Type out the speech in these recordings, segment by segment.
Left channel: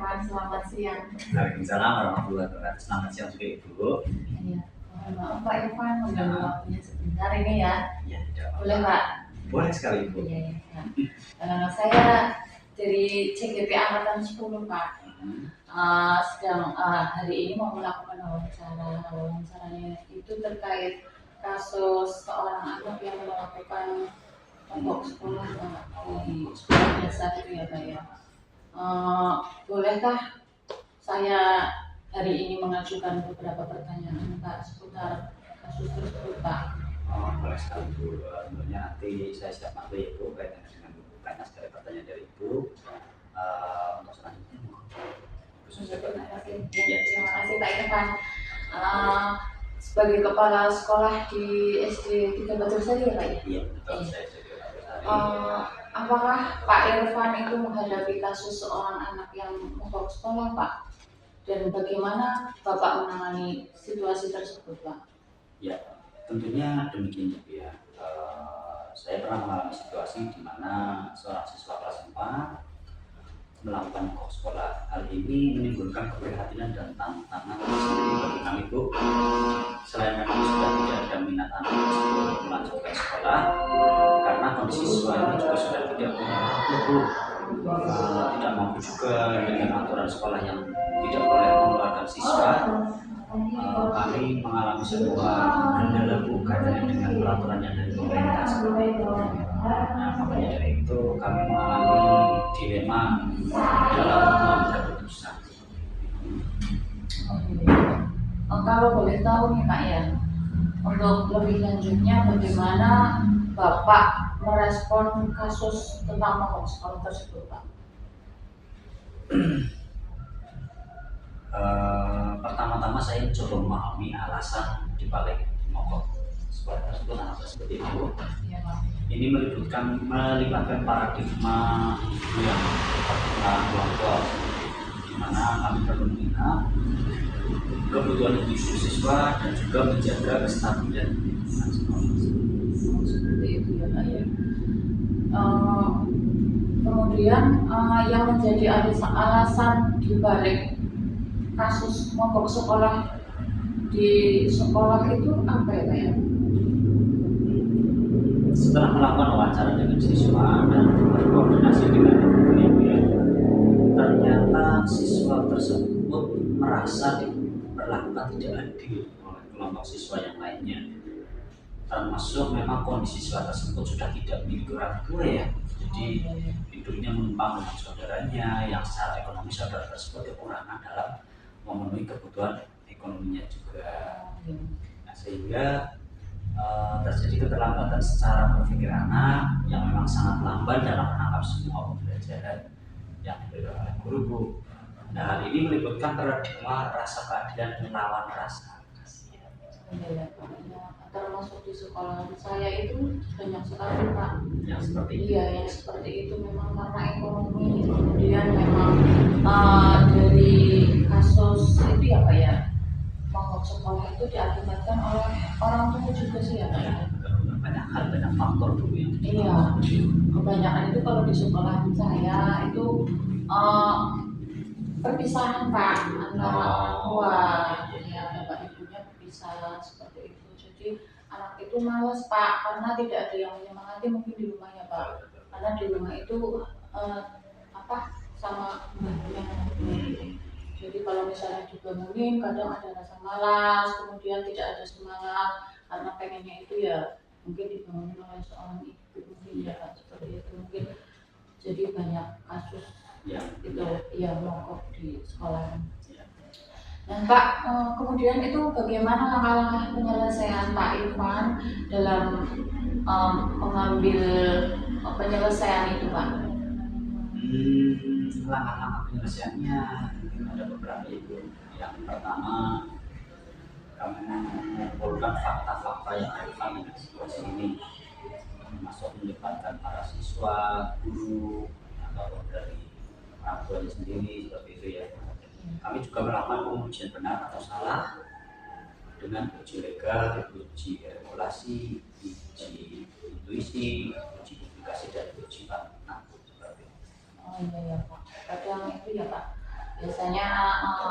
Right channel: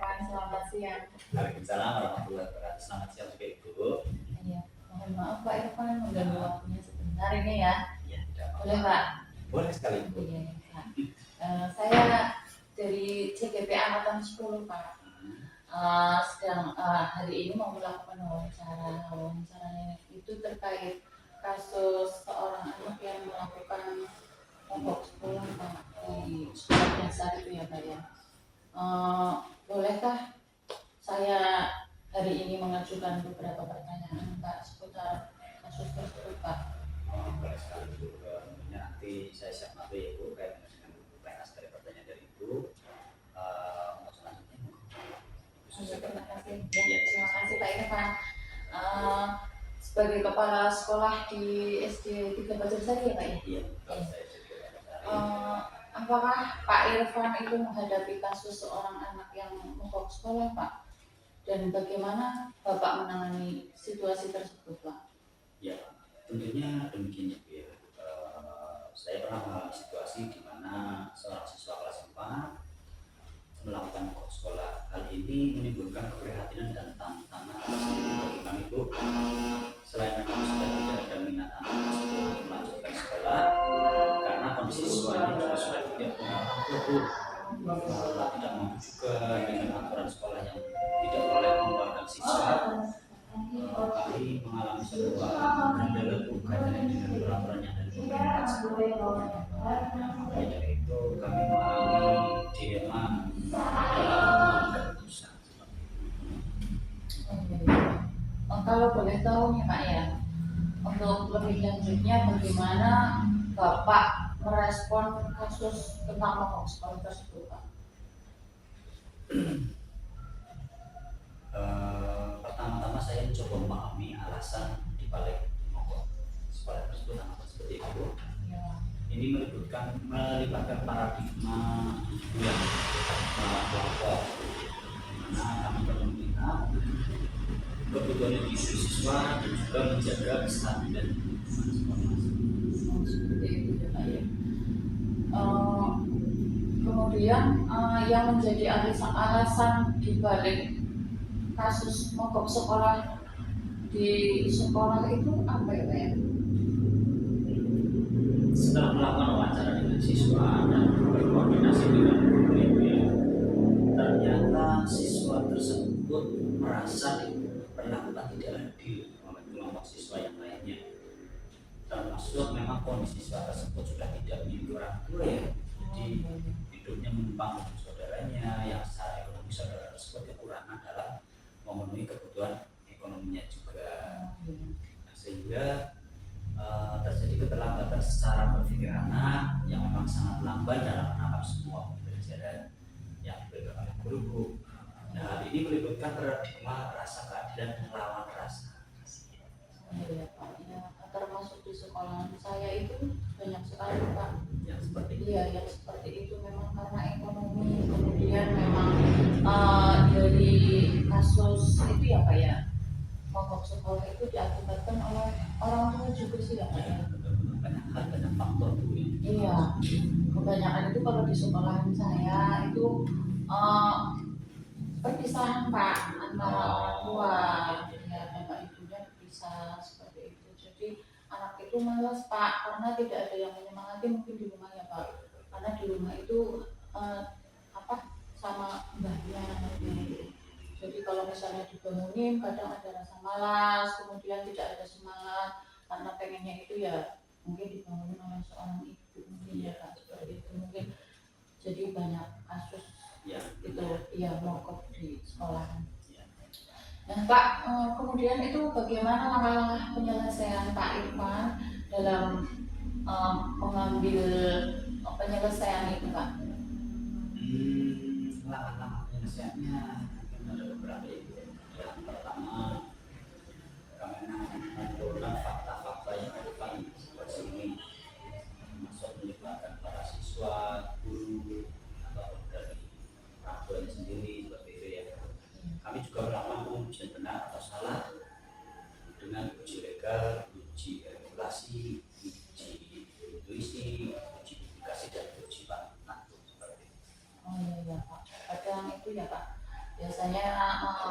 Irfan, selamat siang. Waalaikumsalam warahmatullahi wabarakatuh. Selamat siang juga Ibu. Iya, mohon maaf Pak Irfan mengganggu Ya. waktunya sebentar ini ya. Ya, tidak apa-apa. Boleh Pak? Boleh sekali Ibu. Iya, iya. Saya dari CGP Angkatan 10 Pak. Sedang hari ini mau melakukan wawancara. Wawancaranya itu terkait kasus seorang anak yang melakukan mogok sekolah Pak di sekolah dasar itu ya Pak ya. Bolehkah saya hari ini mengajukan beberapa pertanyaan Pak seputar kasus tersebut Pak? Oh, boleh sekali Ibu. Tentunya nanti saya siap bantu ya Ibu kaitan dengan banyak sekali pertanyaan dari Ibu. Untuk selanjutnya Terima kasih. Ya, terima kasih Pak Irfan. Sebagai kepala sekolah di SD 3 Batursari ya Pak ya? Iya, betul. Saya jadi Apakah Pak Irfan itu menghadapi kasus seorang anak yang mogok sekolah Pak? Dan bagaimana Bapak menangani situasi tersebut Pak? Ya, tentunya demikian Ibu ya. Saya pernah mengalami situasi di mana seorang siswa kelas 4 melakukan mogok sekolah. Hal ini menimbulkan keprihatinan dan tantangan tersendiri bagi kami Bu. Selain memang sudah tidak ada minat anak tersebut untuk melanjutkan sekolah, karena kondisi siswa ini juga sudah tidak punya waktu Bu. Tidak mampu juga dengan aturan sekolah yang tidak boleh mengeluarkan siswa. Kami mengalami sebuah kendala Bu kaitannya dengan peraturan yang dari pemerintah. Nah, makanya dari itu kami mengalami dilema dalam mengambil keputusan. Kalau boleh tahu nih Pak ya, untuk lebih lanjutnya bagaimana Bapak merespon kasus tentang mogok sekolah tersebut Pak? Pertama-tama saya coba memahami alasan dibalik mogok sekolah tersebut apa seperti itu. Ini melibatkan paradigma yang orang tua, di mana kami perlu melihat kebutuhan individu siswa dan juga menjaga kestabilan lingkungan sekolah. Seperti itu ya Pak ya. Kemudian yang menjadi alasan dibalik kasus mogok sekolah di sekolah itu apa ya Pak ya? Setelah melakukan wawancara dengan siswa dan berkoordinasi dengan guru, ternyata siswa tersebut merasa diperlakukan tidak adil oleh kelompok siswa yang lainnya. Termasuk memang kondisi siswa tersebut sudah tidak milik orang tua ya, jadi hidupnya menumpang dengan saudaranya yang secara ekonomi saudara tersebut kekurangan dalam memenuhi kebutuhan ekonominya juga. Nah, sehingga terjadi keterlambatan secara berpikir anak yang memang sangat lamban dalam menangkap semua pembelajaran yang diberikan oleh guru. Nah, hal ini melibatkan paradigma rasa keadilan melawan rasa kasihan. Ya, Pak. Ya, termasuk di sekolah saya itu banyak sekali Pak. Yang seperti itu. Iya, yang seperti itu memang karena ekonomi, kemudian memang dari kasus itu ya Pak ya, mogok sekolah itu diakibatkan oleh orang tua juga sih ya Pak ya. Banyak hal, banyak faktor dulu ya. Iya, kebanyakan itu kalau di sekolahan saya itu perpisahan Pak antara orang tua, ya bapak ibunya berpisah seperti itu. Jadi anak itu malas Pak karena tidak ada yang menyemangati mungkin di rumah ya Pak. Karena di rumah itu sama mbahnya. Jadi kalau misalnya dibangunin kadang ada rasa malas, kemudian tidak ada semangat karena pengennya itu ya mungkin dibangun oleh seorang ibu mungkin ya Pak seperti itu mungkin. Jadi banyak kasus Ya. itu yang mogok di sekolah. Nah Pak, kemudian itu bagaimana langkah-langkah penyelesaian Pak Irfan dalam mengambil penyelesaian itu Pak? Langkah-langkah penyelesaiannya mungkin ada beberapa itu. Yang pertama, kami mengumpulkan fakta-fakta yang relevan dengan situasi ini, termasuk melibatkan para siswa, guru, atau dari orang tuanya sendiri seperti itu ya. Kami juga melakukan pengujian benar atau salah dengan uji legal, uji regulasi, uji intuisi, uji publikasi dan uji fakta seperti itu. Oh iya ya Pak, kadang itu ya Pak biasanya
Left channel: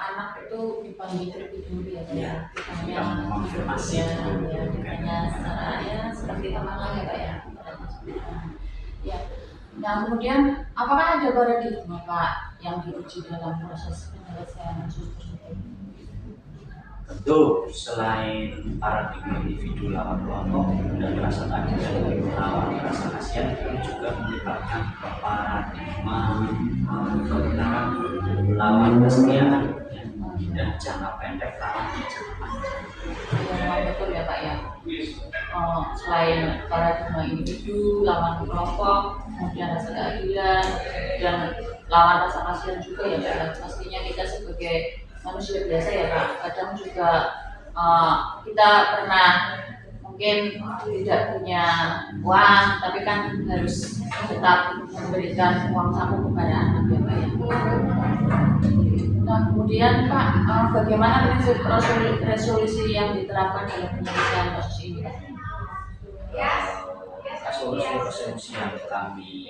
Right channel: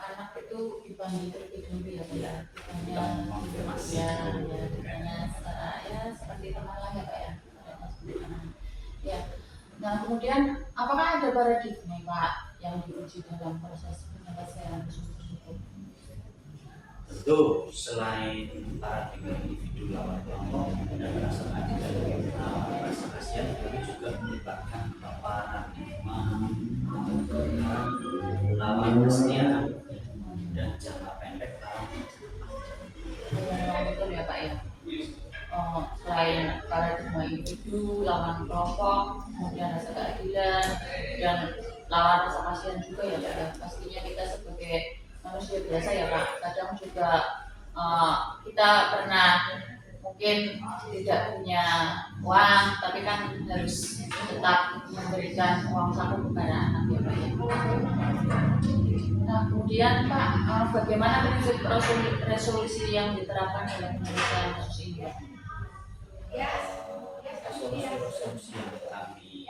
anak itu dipanggil terlebih dulu ya Pak ya. Kita mengonfirmasi Ya, ya, ditanya secara ya seperti teman lah ya Pak ya. Ya. Nah kemudian apakah ada paradigma Pak yang diuji dalam proses penyelesaian kasus tersebut? Tentu selain paradigma individu lawan kelompok dan rasa keadilan lawan rasa kasihan, kami juga melibatkan paradigma kebenaran lawan kesetiaan dan jangka pendek lawan jangka panjang. Memang betul ya Pak ya. Selain paradigma individu lawan kelompok, kemudian rasa keadilan dan lawan rasa kasihan juga ya Pak. Pastinya kita sebagai manusia biasa ya Pak, kadang juga kita pernah mungkin tidak punya uang, tapi kan harus tetap memberikan uang saku kepada anak ya Pak ya. Nah kemudian Pak, bagaimana prinsip resolusi yang diterapkan dalam penyelesaian kasus ini? Resolusi yang kami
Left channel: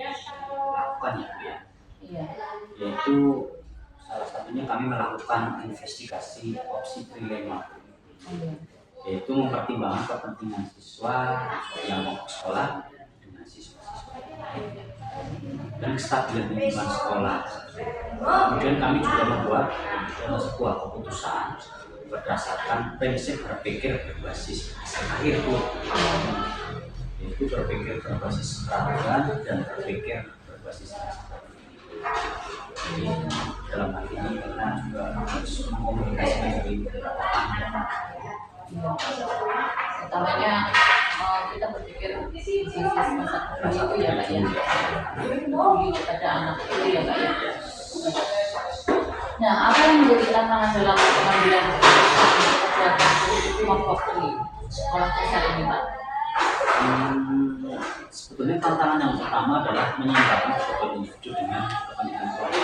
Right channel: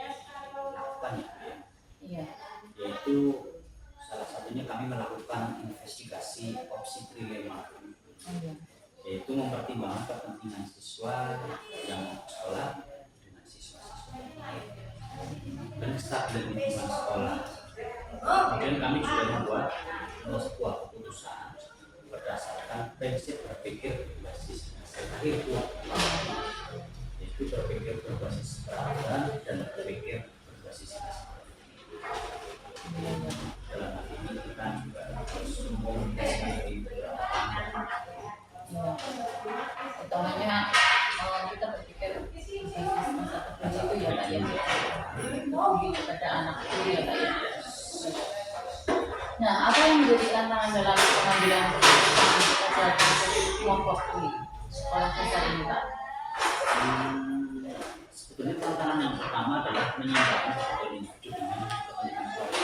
lakukan ya, Iya. yaitu salah satunya kami melakukan investigasi opsi trilema, yaitu mempertimbangkan kepentingan siswa yang mau ke sekolah dengan siswa-siswa lain dan kestabilan lingkungan sekolah. Kemudian kami juga membuat sebuah keputusan berdasarkan prinsip berpikir berbasis akhir, yaitu berpikir berbasis peraturan dan berpikir berbasis dalam hal ini kita juga harus mengkomunikasikan dari beberapa pihak. Utamanya kita berpikir bisnis masa depan itu ya Pak ya, peduli kepada anak itu ya Pak ya. Nah apa yang menjadi tantangan dalam pengambilan keputusan pada kasus kelompok di sekolah dasar ini Pak? Sebetulnya tantangan yang pertama adalah menyeimbangkan kebutuhan individu dengan kepentingan keluarga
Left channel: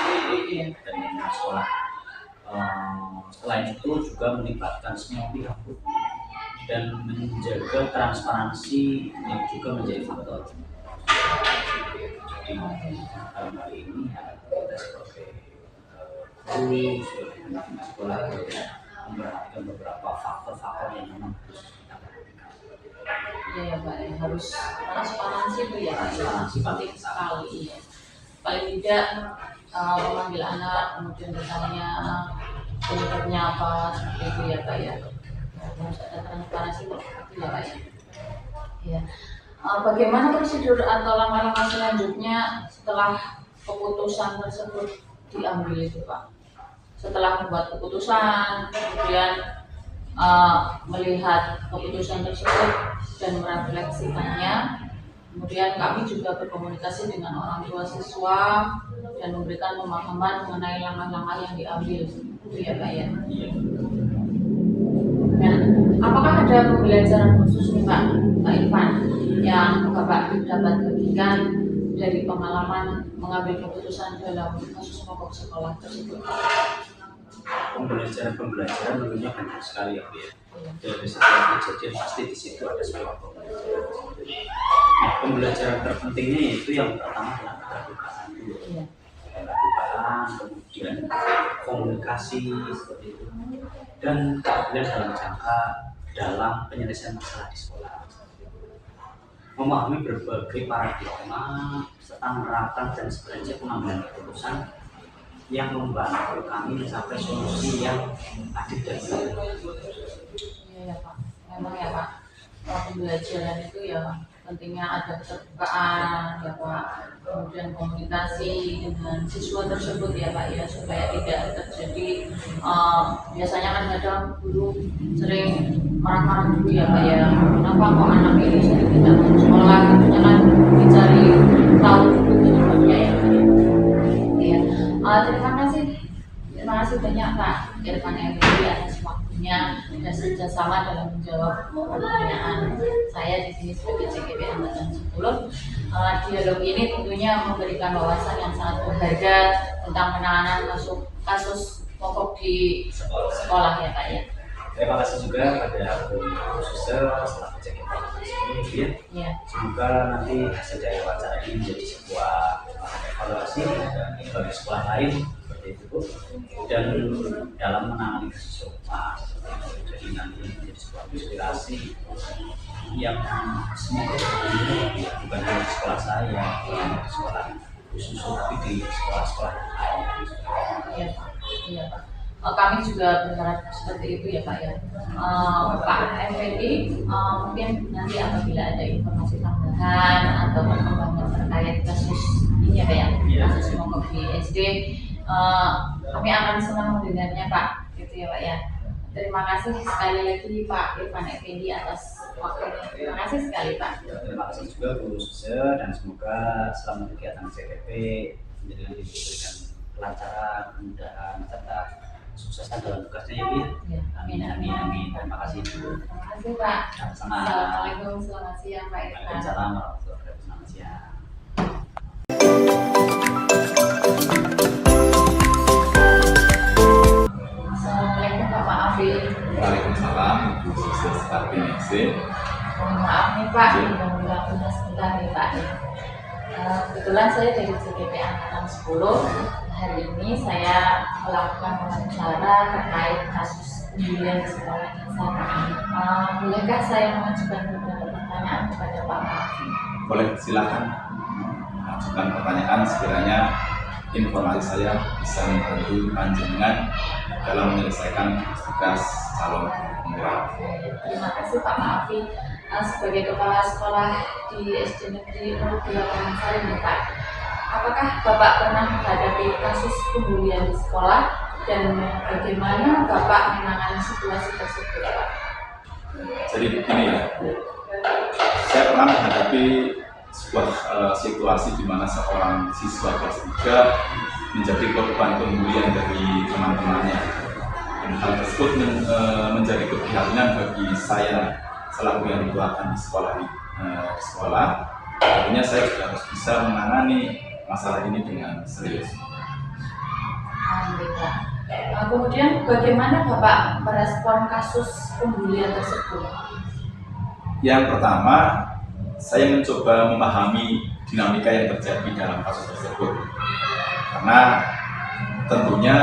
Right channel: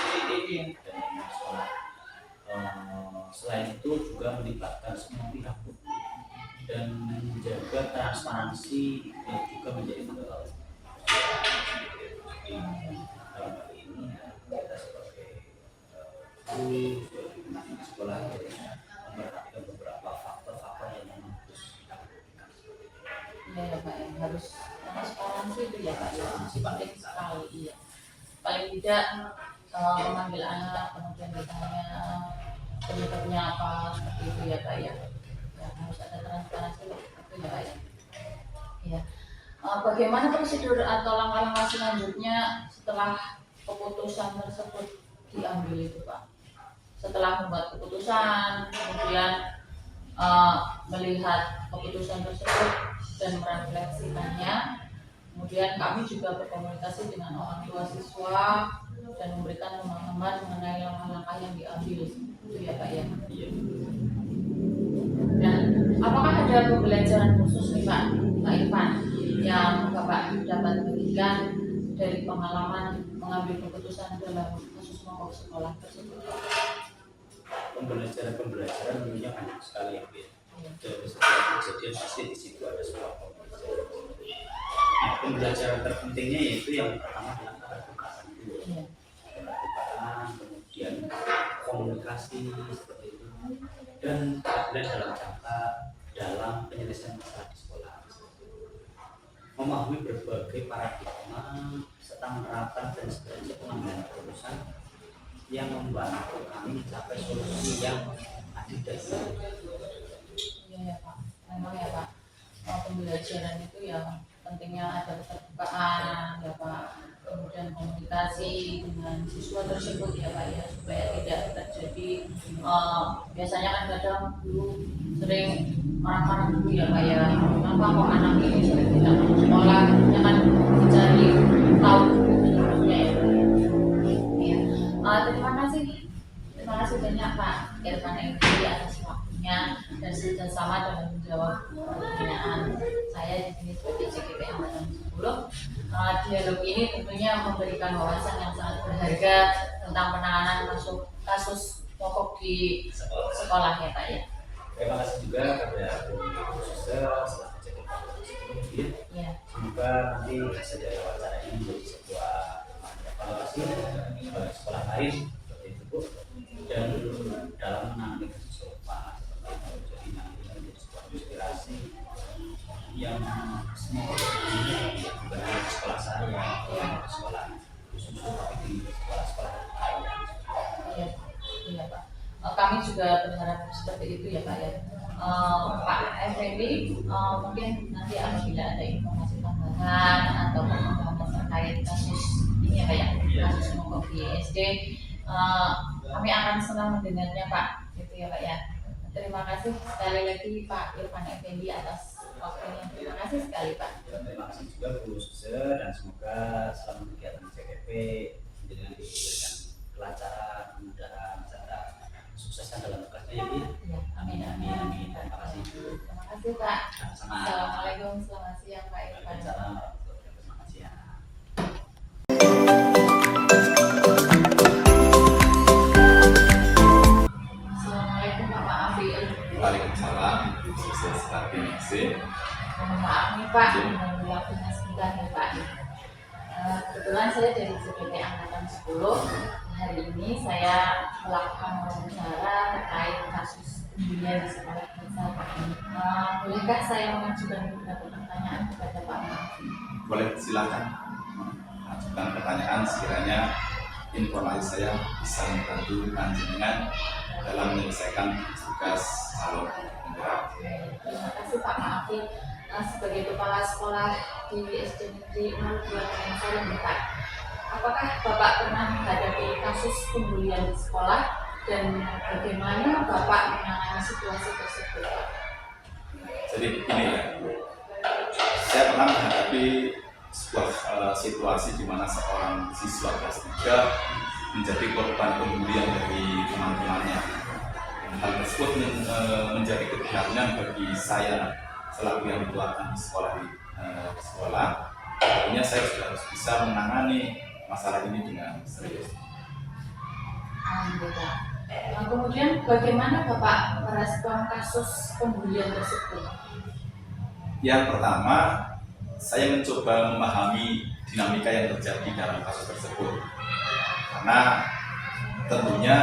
dan lingkungan sekolah. Selain itu juga melibatkan semua pihak dan menjaga transparansi yang juga menjadi faktor. Jadi dalam hal ini kita sebagai guru sebagai sekolah memperhatikan beberapa faktor-faktor yang memang harus kita perhatikan. Iya ya Pak, ya. Harus transparansi itu ya Pak, ya. Penting sekali ya. Paling tidak mengambil anak kemudian ditanya penyebabnya apa seperti itu ya Pak ya. Harus ada transparansi itu ya Pak ya. Ya. Bagaimana prosedur atau langkah-langkah selanjutnya setelah keputusan tersebut diambil itu Pak? Setelah membuat keputusan, kemudian melihat keputusan tersebut dan merefleksikannya, kemudian kami juga berkomunikasi dengan orang tua siswa dan memberikan pemahaman mengenai langkah-langkah yang diambil, itu ya Pak ya. Nah, apakah ada pembelajaran khusus nih Pak Irfan yang Bapak dapat bagikan dari pengalaman mengambil keputusan dalam kasus mogok sekolah tersebut? Pembelajaran tentunya banyak sekali ya Bu ya. Dari setiap kejadian pasti di situ ada sebuah pembelajaran. Nah, pembelajaran terpentingnya yaitu yang pertama adalah keterbukaan dulu. Keterbukaan, kemudian komunikasi seperti itu, dan keadilan dalam penyelesaian masalah di sekolah. Memahami berbagai paradigma serta menerapkan prinsip-prinsip pengambilan keputusan yang membantu kami mencapai solusi yang adil dan baik. Iya ya Pak, memang ya Pak, pembelajaran itu ya pentingnya ada keterbukaan ya Pak, kemudian komunikasi dengan siswa tersebut ya Pak ya, supaya tidak terjadi biasanya kan kadang guru sering marah-marah dulu ya Pak ya, kenapa kok anak ini sering tidak mau sekolah, katanya kan dicari tahu dulu penyebabnya ya Pak ya. Iya. Terima kasih banyak Pak Irfan Enri atas waktunya dan kerjasama dalam menjawab pertanyaan saya di sini sebagai CGP Angkatan 10. Dialog ini tentunya memberikan wawasan yang sangat berharga tentang penanganan kasus mogok di sekolah ya Pak ya. Terima kasih juga pada Bu Suster staf CGP Angkatan 10 ya. Semoga nanti hasil dari wawancara ini menjadi sebuah evaluasi bagi sekolah lain seperti itu Bu. Dan dalam menangani kasus serupa jadi nanti menjadi sebuah inspirasi yang semoga bukan hanya di sekolah saya, di sekolah khusus, tapi di sekolah-sekolah yang lain. Iya Pak, iya Pak. Kami juga berharap seperti itu ya Pak ya. Pak Effendi, mungkin nanti apabila ada informasi tambahan atau perkembangan terkait kasus ini ya Pak ya, kasus mogok di SD, kami akan senang mendengarnya Pak, gitu ya Pak ya. Terima kasih sekali lagi Pak Irfan Effendi atas waktunya. Terima kasih sekali Pak. Terima kasih juga Bu Suze, dan semoga selama kegiatan CTP menjadi diberikan kelancaran, kemudahan, serta sukseskan dalam tugasnya ya Bu. Ya, Amin, amin, amin. Terima kasih Bu. terima kasih Pak. Sama-sama. Assalamualaikum, selamat siang Pak Irfan. Waalaikumsalam warahmatullahi wabarakatuh. Selamat siang. Assalamualaikum Pak Maafi. Waalaikumsalam, Ibu Sukses RPNXC. Mohon maaf nih Pak, menunggu waktunya sebentar ya Pak. Kebetulan saya dari CPP Angkatan 10. Hari ini saya melakukan wawancara terkait kasus pembulian di sekolah dasar. Bolehkah saya mengajukan beberapa pertanyaan kepada Pak Maafi? Boleh, silakan ajukan pertanyaan sekiranya informasi saya bisa membantu panjenengan dalam menyelesaikan tugas calon penggerak. Terima kasih Pak Maafi. Sebagai kepala sekolah di SD Negeri 02 Karangsari nih Pak, apakah Bapak pernah menghadapi kasus pembulian di sekolah dan bagaimana Bapak menangani situasi tersebut Pak? Jadi begini ya, saya pernah menghadapi sebuah situasi di mana seorang siswa kelas 3 menjadi korban pembulian dari teman-temannya. Dan hal tersebut menjadi keprihatinan bagi saya selaku yang dituakan di sekolah. Tentunya saya juga harus bisa menangani masalah ini dengan serius. Alhamdulillah. Kemudian bagaimana Bapak merespon kasus pembulian tersebut? Yang pertama, saya mencoba memahami dinamika yang terjadi dalam kasus tersebut. Karena tentunya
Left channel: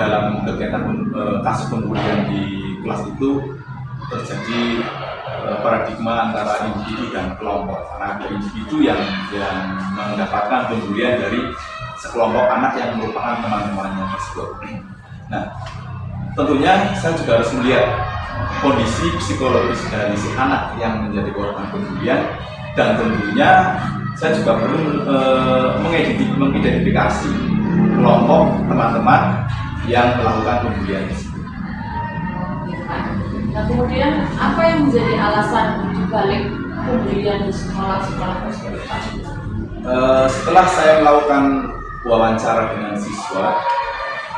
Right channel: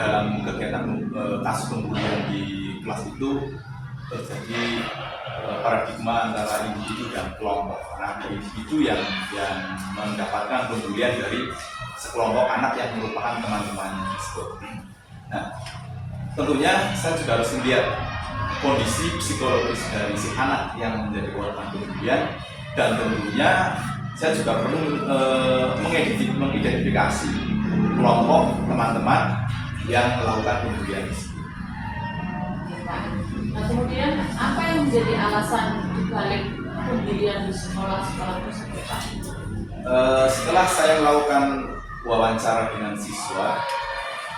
dalam kegiatan kasus pembulian di kelas itu terjadi paradigma antara individu dan kelompok. Karena ada individu yang mendapatkan pembulian dari sekelompok anak yang merupakan teman-temannya tersebut. Nah, tentunya saya juga harus melihat kondisi psikologis dari si anak yang menjadi korban pembulian, dan tentunya saya juga perlu mengidentifikasi kelompok teman-teman yang melakukan pembulian tersebut. Nah, kemudian apa yang menjadi alasan dibalik pembulian di sekolah-sekolah tersebut Pak? Setelah saya melakukan wawancara dengan siswa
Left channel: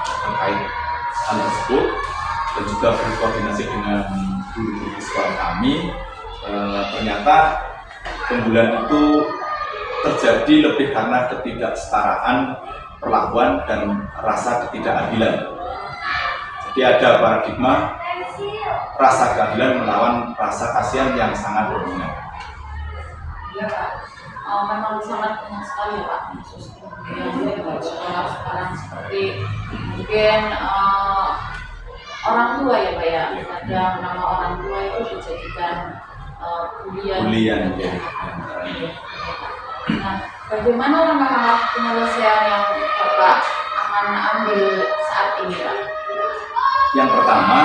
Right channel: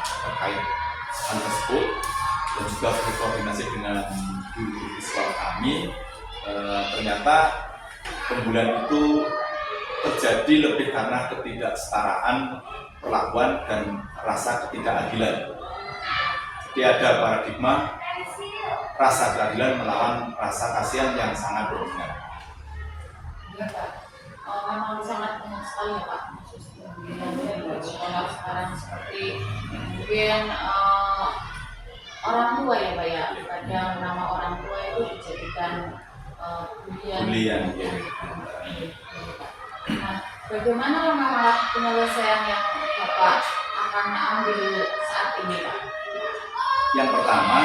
terkait hal tersebut dan juga berkoordinasi dengan guru-guru sekolah kami, ternyata pembulian itu terjadi lebih karena ketidaksetaraan perlakuan dan rasa ketidakadilan. Jadi ada paradigma rasa keadilan melawan rasa kasihan yang sangat dominan. Iya Pak, memang sangat banyak sekali ya Pak kasus pembulian di sekolah sekarang, seperti mungkin orang tua ya Pak ya, kadang nama orang tua itu dijadikan bulian. Ya. Nah, bagaimana langkah-langkah penyelesaian yang Bapak akan ambil saat ini Pak? Yang pertama,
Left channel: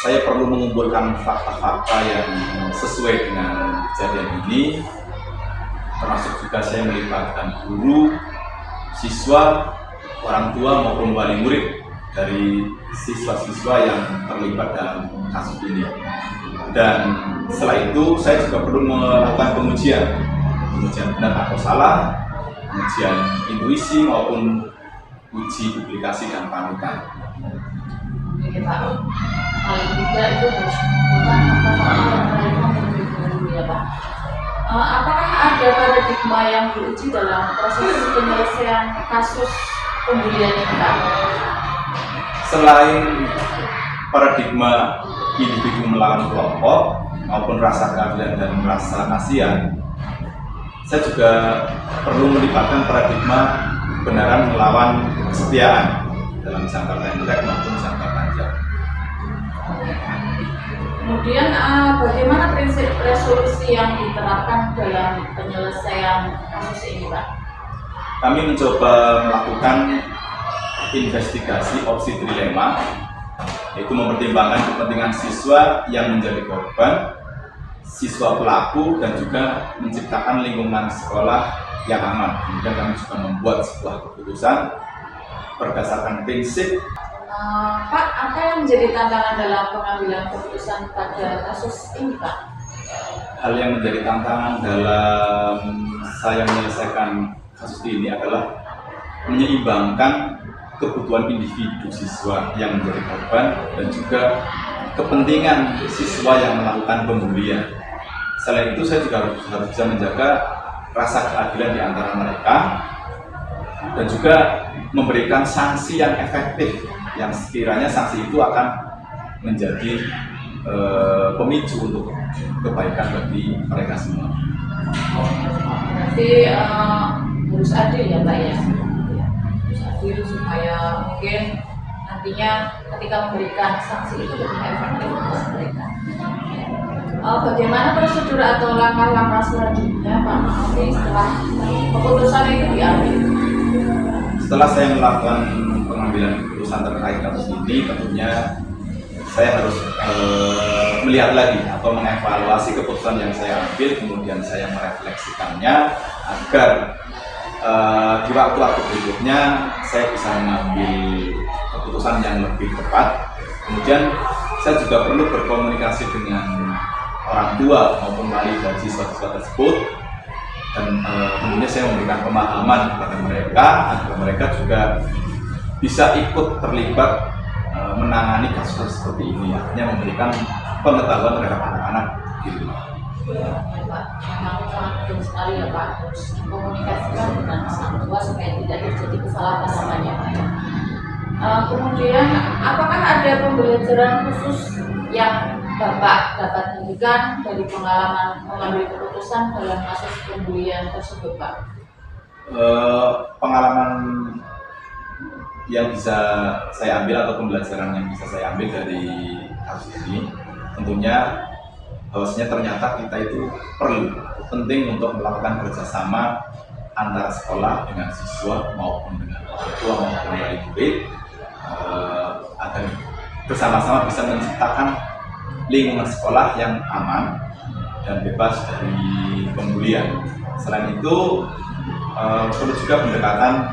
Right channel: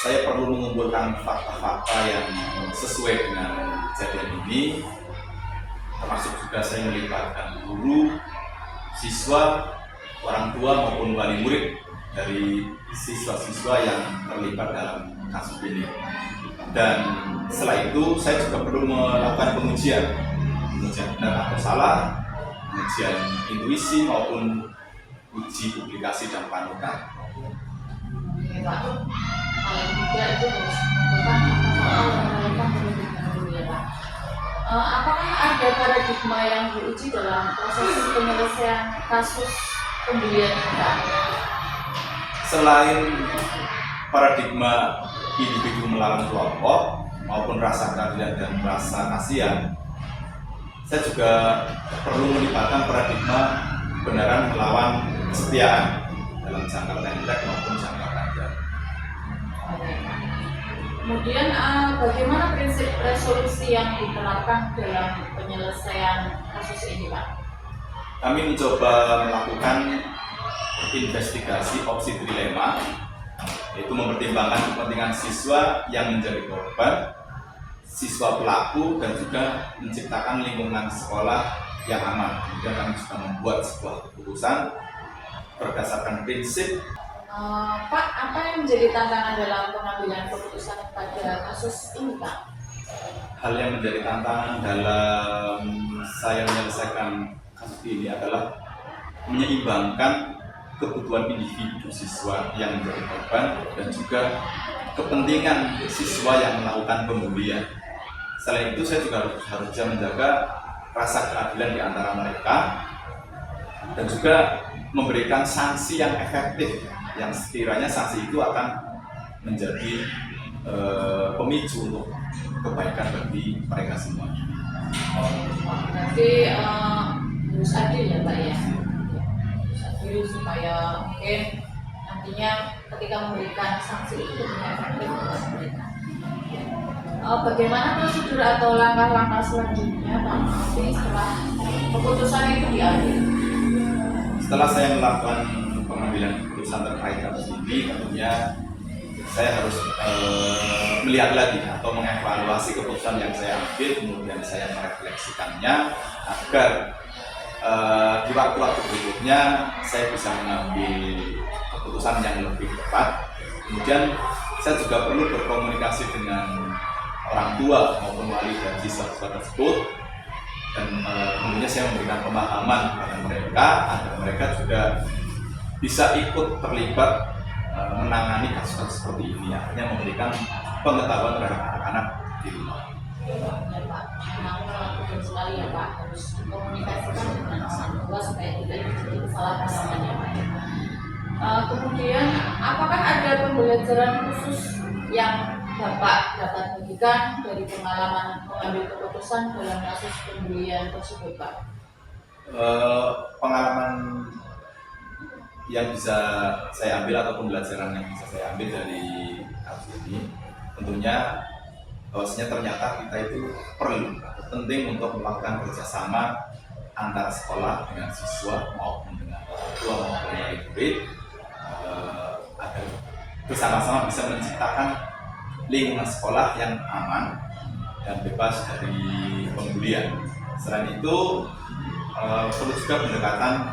saya perlu mengumpulkan fakta-fakta yang sesuai dengan kejadian ini, termasuk juga saya melibatkan guru, siswa, orang tua maupun wali murid dari siswa-siswa yang terlibat dalam kasus ini. Dan setelah itu saya juga perlu melakukan pengujian benar atau salah, pengujian intuisi maupun uji publikasi dan panutan. Oke Pak, paling tidak itu harus mengumpulkan fakta-fakta yang relevan terlebih dahulu ya Pak. Apakah ada paradigma yang diuji dalam proses penyelesaian kasus pembulian ini Pak? Selain paradigma individu melawan kelompok maupun rasa keadilan dan rasa kasihan, saya juga perlu melibatkan paradigma kebenaran melawan kesetiaan dalam jangka pendek maupun jangka panjang. Kemudian bagaimana prinsip resolusi yang diterapkan dalam penyelesaian kasus ini, Pak? Kami mencoba melakukan investigasi opsi trilema, yaitu mempertimbangkan kepentingan siswa yang menjadi korban, siswa pelaku, dan juga menciptakan lingkungan sekolah yang aman. Kemudian kami juga membuat sebuah keputusan berdasarkan prinsip. Pak, apa yang menjadi tantangan dalam pengambilan keputusan pada kasus ini, Pak? Hal yang menjadi tantangan dalam saya menyelesaikan kasus ini adalah menyeimbangkan kebutuhan individu siswa yang menjadi korban dan juga kepentingan siswa yang melakukan pembulian. Selain itu, saya juga harus bisa menjaga rasa keadilan di antara mereka dan juga memberikan sanksi yang efektif, yang sekiranya sanksi itu akan menjadi pemicu untuk kebaikan bagi mereka semua. Berarti harus adil ya, Pak ya? Harus adil supaya mungkin nantinya ketika memberikan sanksi itu lebih efektif untuk mereka. Bagaimana prosedur atau langkah-langkah selanjutnya, Pak Maafri, setelah keputusan itu diambil? Setelah saya melakukan pengambilan keputusan terkait kasus ini, tentunya saya harus melihat lagi atau mengevaluasi keputusan yang saya ambil, kemudian saya merefleksikannya agar di waktu-waktu berikutnya saya bisa mengambil keputusan yang lebih tepat. Kemudian saya juga perlu berkomunikasi dengan orang tua maupun wali dari siswa-siswa tersebut, dan kemudian saya memberikan pemahaman kepada mereka agar mereka juga bisa ikut terlibat menangani kasus seperti ini, artinya memberikan pengetahuan terhadap anak-anak di rumah. Ya, Pak, memang sangat penting sekali ya, Pak, harus dikomunikasikan dengan orang tua supaya tidak terjadi kesalahpahaman ya, Pak ya. Kemudian, apakah ada pembelajaran khusus yang Bapak dapat bagikan dari pengalaman mengambil keputusan dalam kasus pembulian tersebut, Pak? Pengalaman yang bisa saya ambil atau pembelajaran yang bisa saya ambil dari kasus ini, tentunya bahwasanya ternyata kita itu penting untuk melakukan kerjasama antara sekolah dengan siswa maupun dengan orang tua maupun dari murid, agar bersama-sama bisa menciptakan lingkungan sekolah yang aman dan bebas dari pembulian. Selain itu, perlu juga pendekatan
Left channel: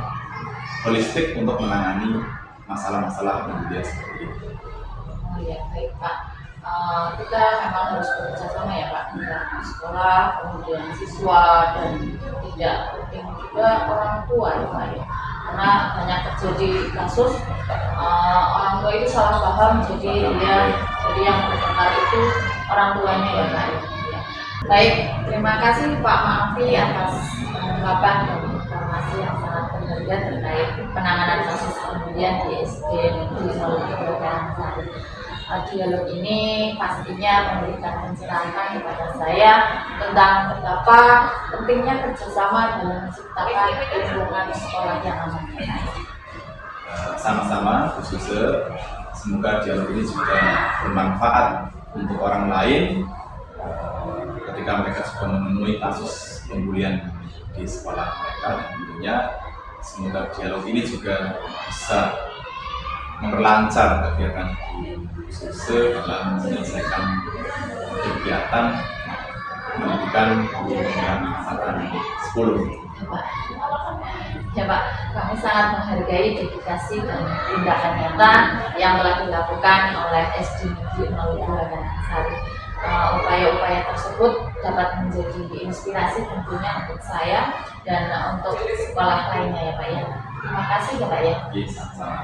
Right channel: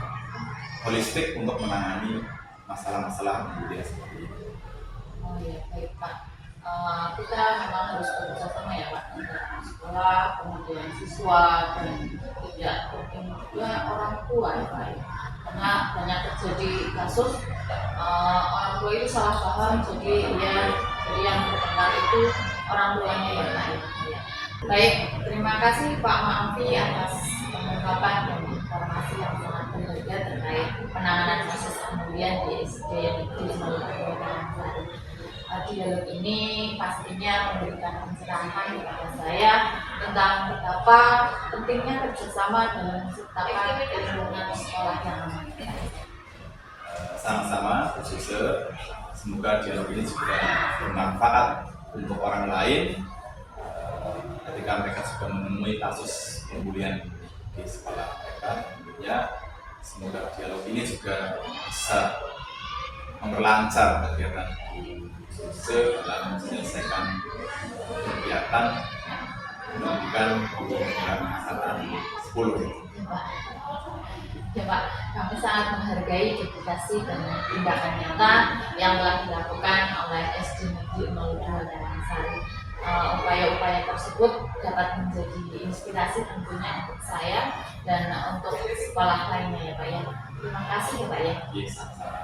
holistik untuk menangani masalah-masalah pembulian seperti ini. Oh ya, baik Pak. Kita memang harus bekerja sama ya Pak, antara sekolah, kemudian siswa, dan tidak penting juga orang tua ya Pak ya. Karena banyak terjadi kasus orang tua itu salah paham, jadi yang terkena itu orang tuanya ya Pak ya. Baik, terima kasih Pak Maafri atas pengungkapan dan informasi yang sangat berharga terkait penanganan kasus pembulian di SD Negeri 02 Karangsari. Dialog ini pastinya memberikan pencerahan kepada saya tentang betapa pentingnya kerjasama dalam menciptakan lingkungan sekolah yang aman. Sama-sama, khususnya semoga dialog ini juga bermanfaat untuk orang lain ketika mereka juga menemui kasus pembulian di sekolah mereka. Tentunya semoga dialog ini juga bisa memperlancar kegiatan khususnya dalam menyelesaikan kegiatan pendidikan yang angkatan 10. Ya Pak, kami sangat menghargai dedikasi dan tindakan nyata yang telah dilakukan oleh SD Negeri 02 Karangsari. Upaya-upaya tersebut dapat menjadi inspirasi tentunya untuk saya dan untuk sekolah lainnya ya Pak ya. Terima kasih ya Pak ya. Sama-sama.